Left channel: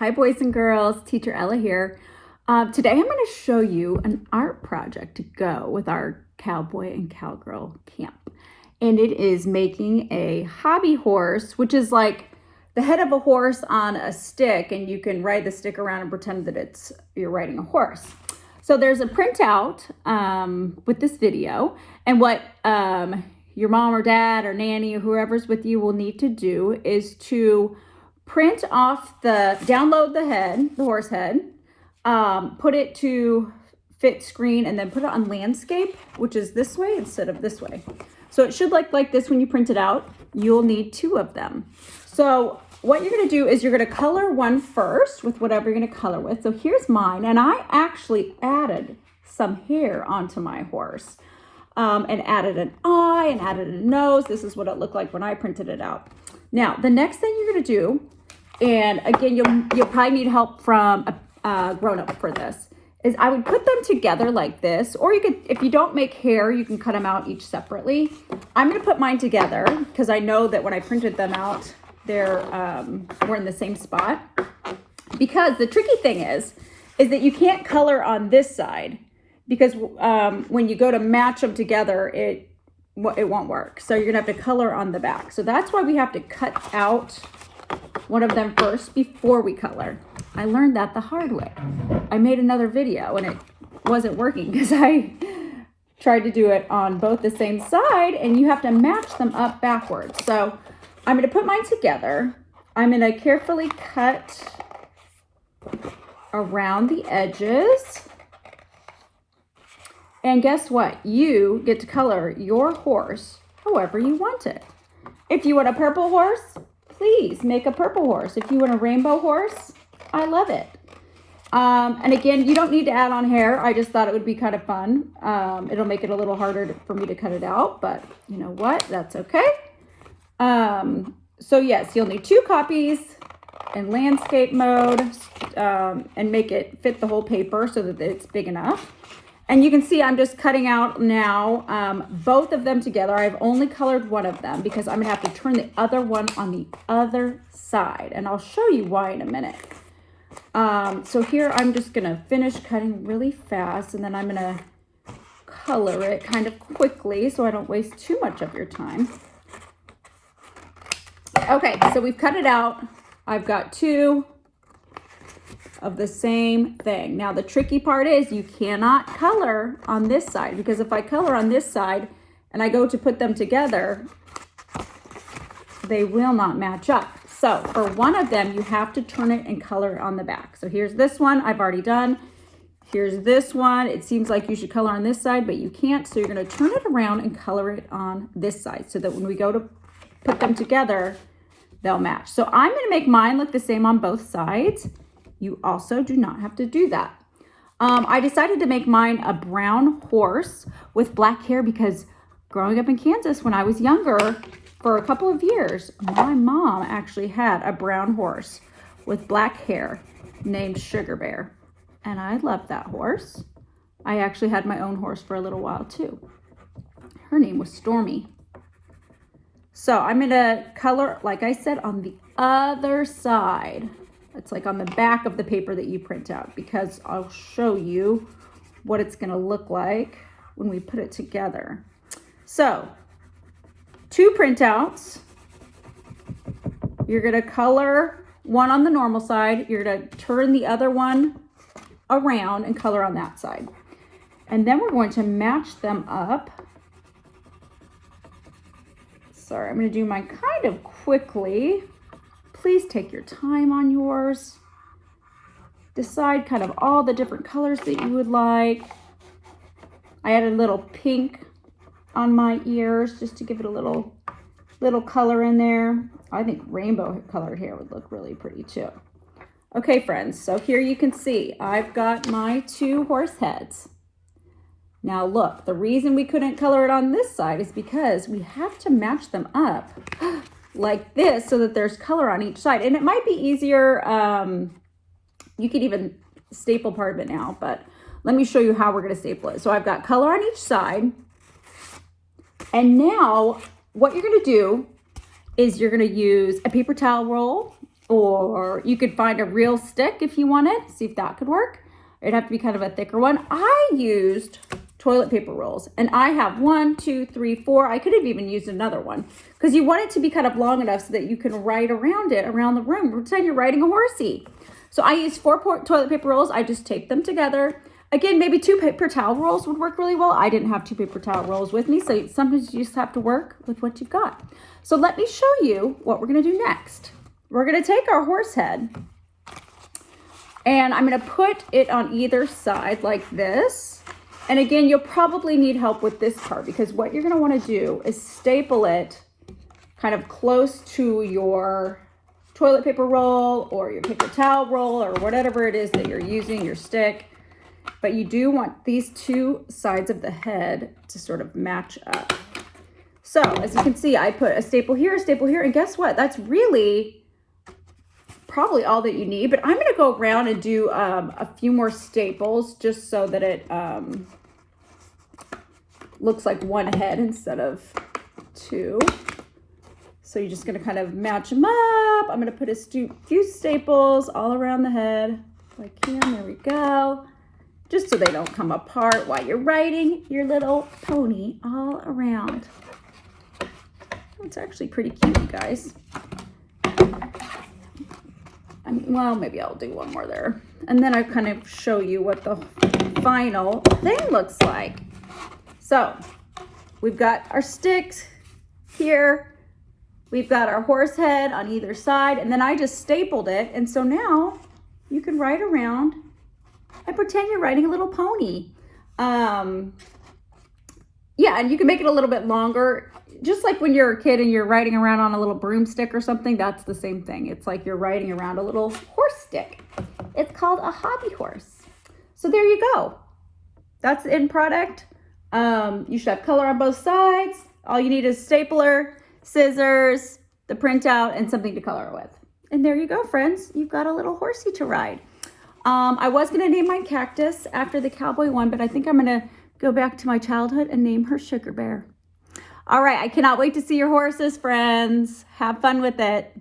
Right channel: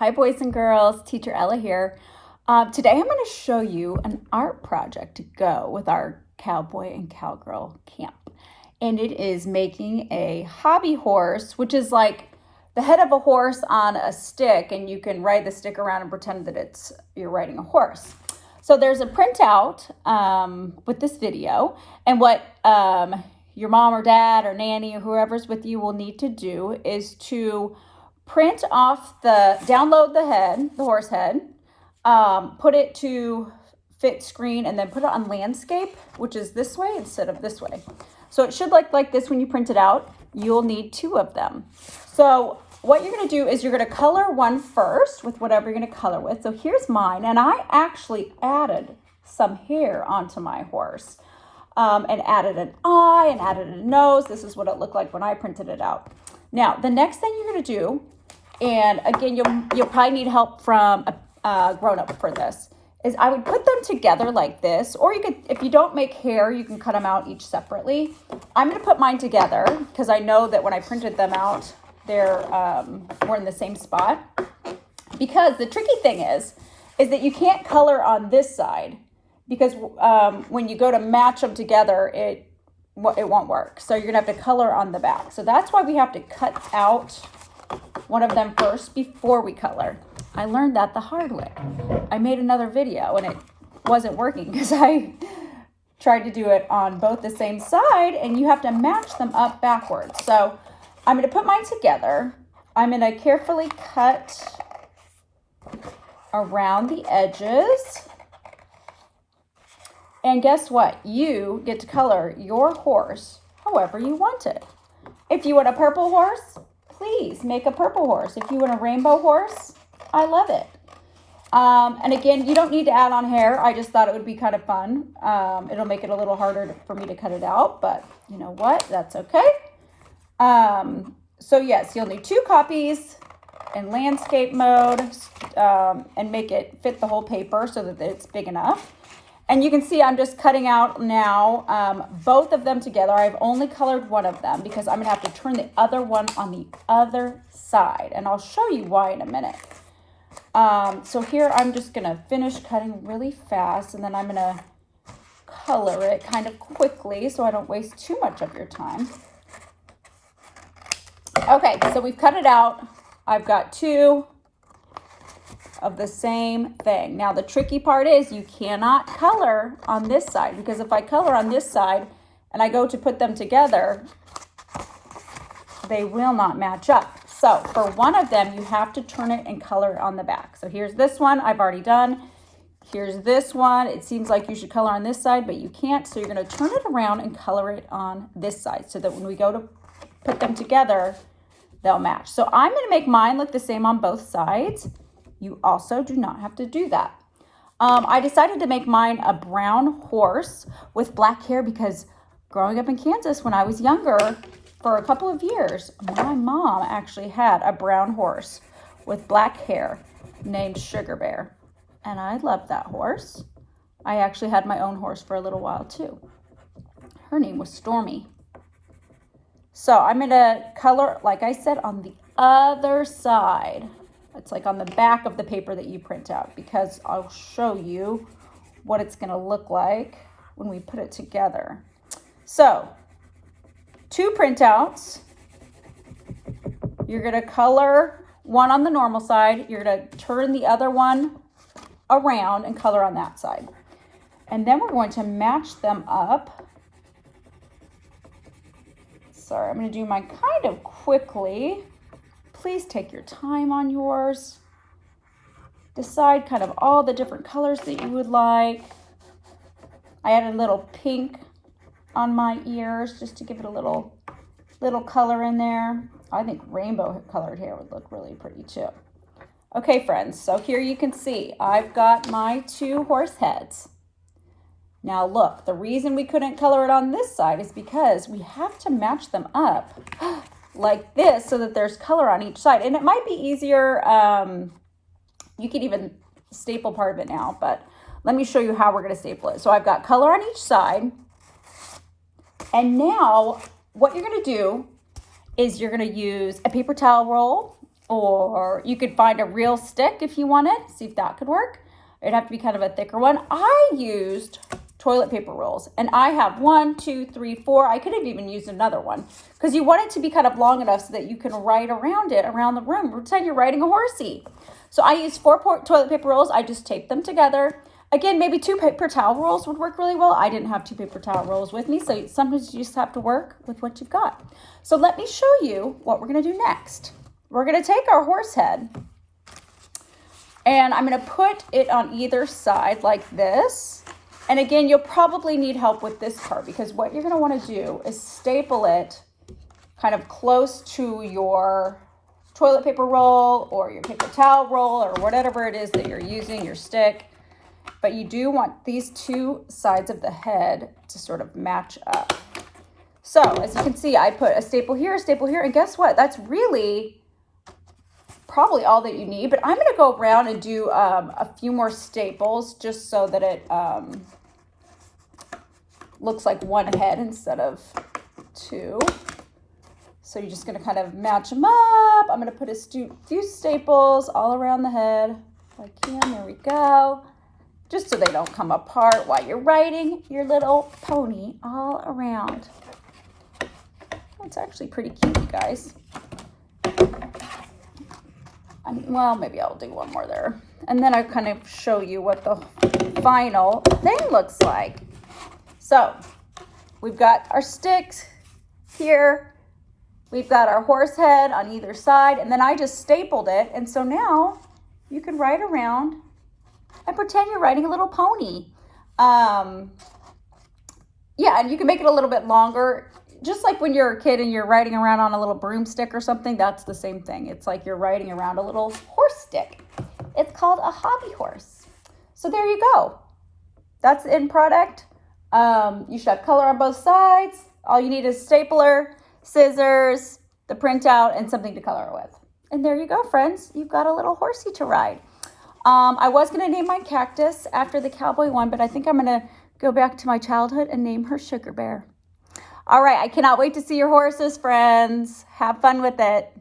Hi boys and girls, Teacher Ella here. Today I'm going to show you an art project to go with our cowboy and cowgirl camp. And it is making a hobby horse, which is like the head of a horse on a stick, and you can ride the stick around and pretend that you're riding a horse. So there's a printout with this video, and what your mom or dad or nanny or whoever's with you will need to do is to print off download the horse head, put it to fit screen, and then put it on landscape, which is this way instead of this way. So it should look like this when you print it out. You'll need 2 of them. So what you're gonna do is you're gonna color one first with whatever you're gonna color with. So here's mine, and I actually added some hair onto my horse and added an eye and added a nose. This is what it looked like when I printed it out. Now, the next thing you're gonna do, and again, you'll probably need help from a grown-up for this, is I would put them together like this, or you could, if you don't make hair, you can cut them out each separately. I'm gonna put mine together because I know that when I printed them out, we're in the same spot. Because the tricky thing is that you can't color on this side, because when you go to match them together, it won't work. So you're gonna have to color on the back. So that's why we have to cut out one of them first before we color. I learned that the hard way. I made another video and it wasn't working because I tried to do it on both the same side, and you have to match them up backwards. So I'm going to put mine together. I'm going to carefully cut around the edges. And guess what? You get to color your horse however you want it. If you want a purple horse, please make a purple horse. If you want a rainbow horse, I love it. And again, you don't need to add on hair. I just thought it would be kind of fun. It'll make it a little harder for me to cut it out, but you know what? That's okay. So yes, you'll need 2 copies in landscape mode and make it fit the whole paper so that it's big enough. And you can see I'm just cutting out now both of them together. I've only colored one of them because I'm gonna have to turn the other one on the other side, and I'll show you why in a minute. So here I'm just gonna finish cutting really fast, and then I'm gonna color it kind of quickly so I don't waste too much of your time. Okay, so we've cut it out. I've got 2 of the same thing. Now the tricky part is you cannot color on this side, because if I color on this side and I go to put them together, they will not match up. So for one of them, you have to turn it and color it on the back. So here's this one I've already done. Here's this one. It seems like you should color on this side, but you can't. So you're gonna turn it around and color it on this side so that when we go to put them together, they'll match. So I'm gonna make mine look the same on both sides. You also do not have to do that. I decided to make mine a brown horse with black hair because growing up in Kansas when I was younger, for a couple of years, my mom actually had a brown horse with black hair named Sugar Bear. And I loved that horse. I actually had my own horse for a little while too. Her name was Stormy. So I'm gonna color, like I said, on the other side. It's like on the back of the paper that you print out, because I'll show you what it's gonna look like when we put it together. So 2 printouts. You're gonna color one on the normal side. You're gonna turn the other one around and color on that side. And then we're going to match them up. Sorry, I'm gonna do mine kind of quickly. Please take your time on yours. Decide kind of all the different colors that you would like. I added a little pink on my ears just to give it a little color in there. I think rainbow colored hair would look really pretty too. Okay, friends, so here you can see I've got my 2 horse heads. Now look, the reason we couldn't color it on this side is because we have to match them up like this so that there's color on each side. And it might be easier, you could even staple part of it now, but let me show you how we're gonna staple it. So I've got color on each side. And now what you're gonna do is you're gonna use a paper towel roll Or you could find a real stick if you wanted. See if that could work. It'd have to be kind of a thicker one. I used toilet paper rolls, and I have 1, 2, 3, 4. I could have even used another one because you want it to be kind of long enough so that you can write around it around the room. Pretend you're riding a horsey. So I used 4 toilet paper rolls. I just taped them together. Again, maybe 2 paper towel rolls would work really well. I didn't have 2 paper towel rolls with me, so sometimes you just have to work with what you've got. So let me show you what we're going to do next. We're going to take our horse head, and I'm going to put it on either side like this. And again, you'll probably need help with this part because what you're going to want to do is staple it kind of close to your toilet paper roll or your paper towel roll or whatever it is that you're using, your stick. But you do want these 2 sides of the head to sort of match up. So as you can see, I put a staple here, and guess what? That's really probably all that you need, but I'm going to go around and do a few more staples just so that it looks like one head instead of 2. So you're just going to kind of match them up. I'm going to put a few staples all around the head. If I can, there we go. Just so they don't come apart while you're riding your little pony all around. It's actually pretty cute, you guys. Well, maybe I'll do one more there. And then I'll kind of show you what the final thing looks like. So we've got our sticks here. We've got our horse head on either side. And then I just stapled it. And so now you can ride around and pretend you're riding a little pony. Yeah, and you can make it a little bit longer. Just like when you're a kid and you're riding around on a little broomstick or something, that's the same thing. It's like you're riding around a little horse stick. It's called a hobby horse. So there you go. That's the end product. You should have color on both sides. All you need is stapler, scissors, the printout, and something to color it with. And there you go, friends. You've got a little horsey to ride. I was going to name my cactus after the cowboy one, but I think I'm going to go back to my childhood and name her Sugar Bear. All right, I cannot wait to see your horses, friends. Have fun with it.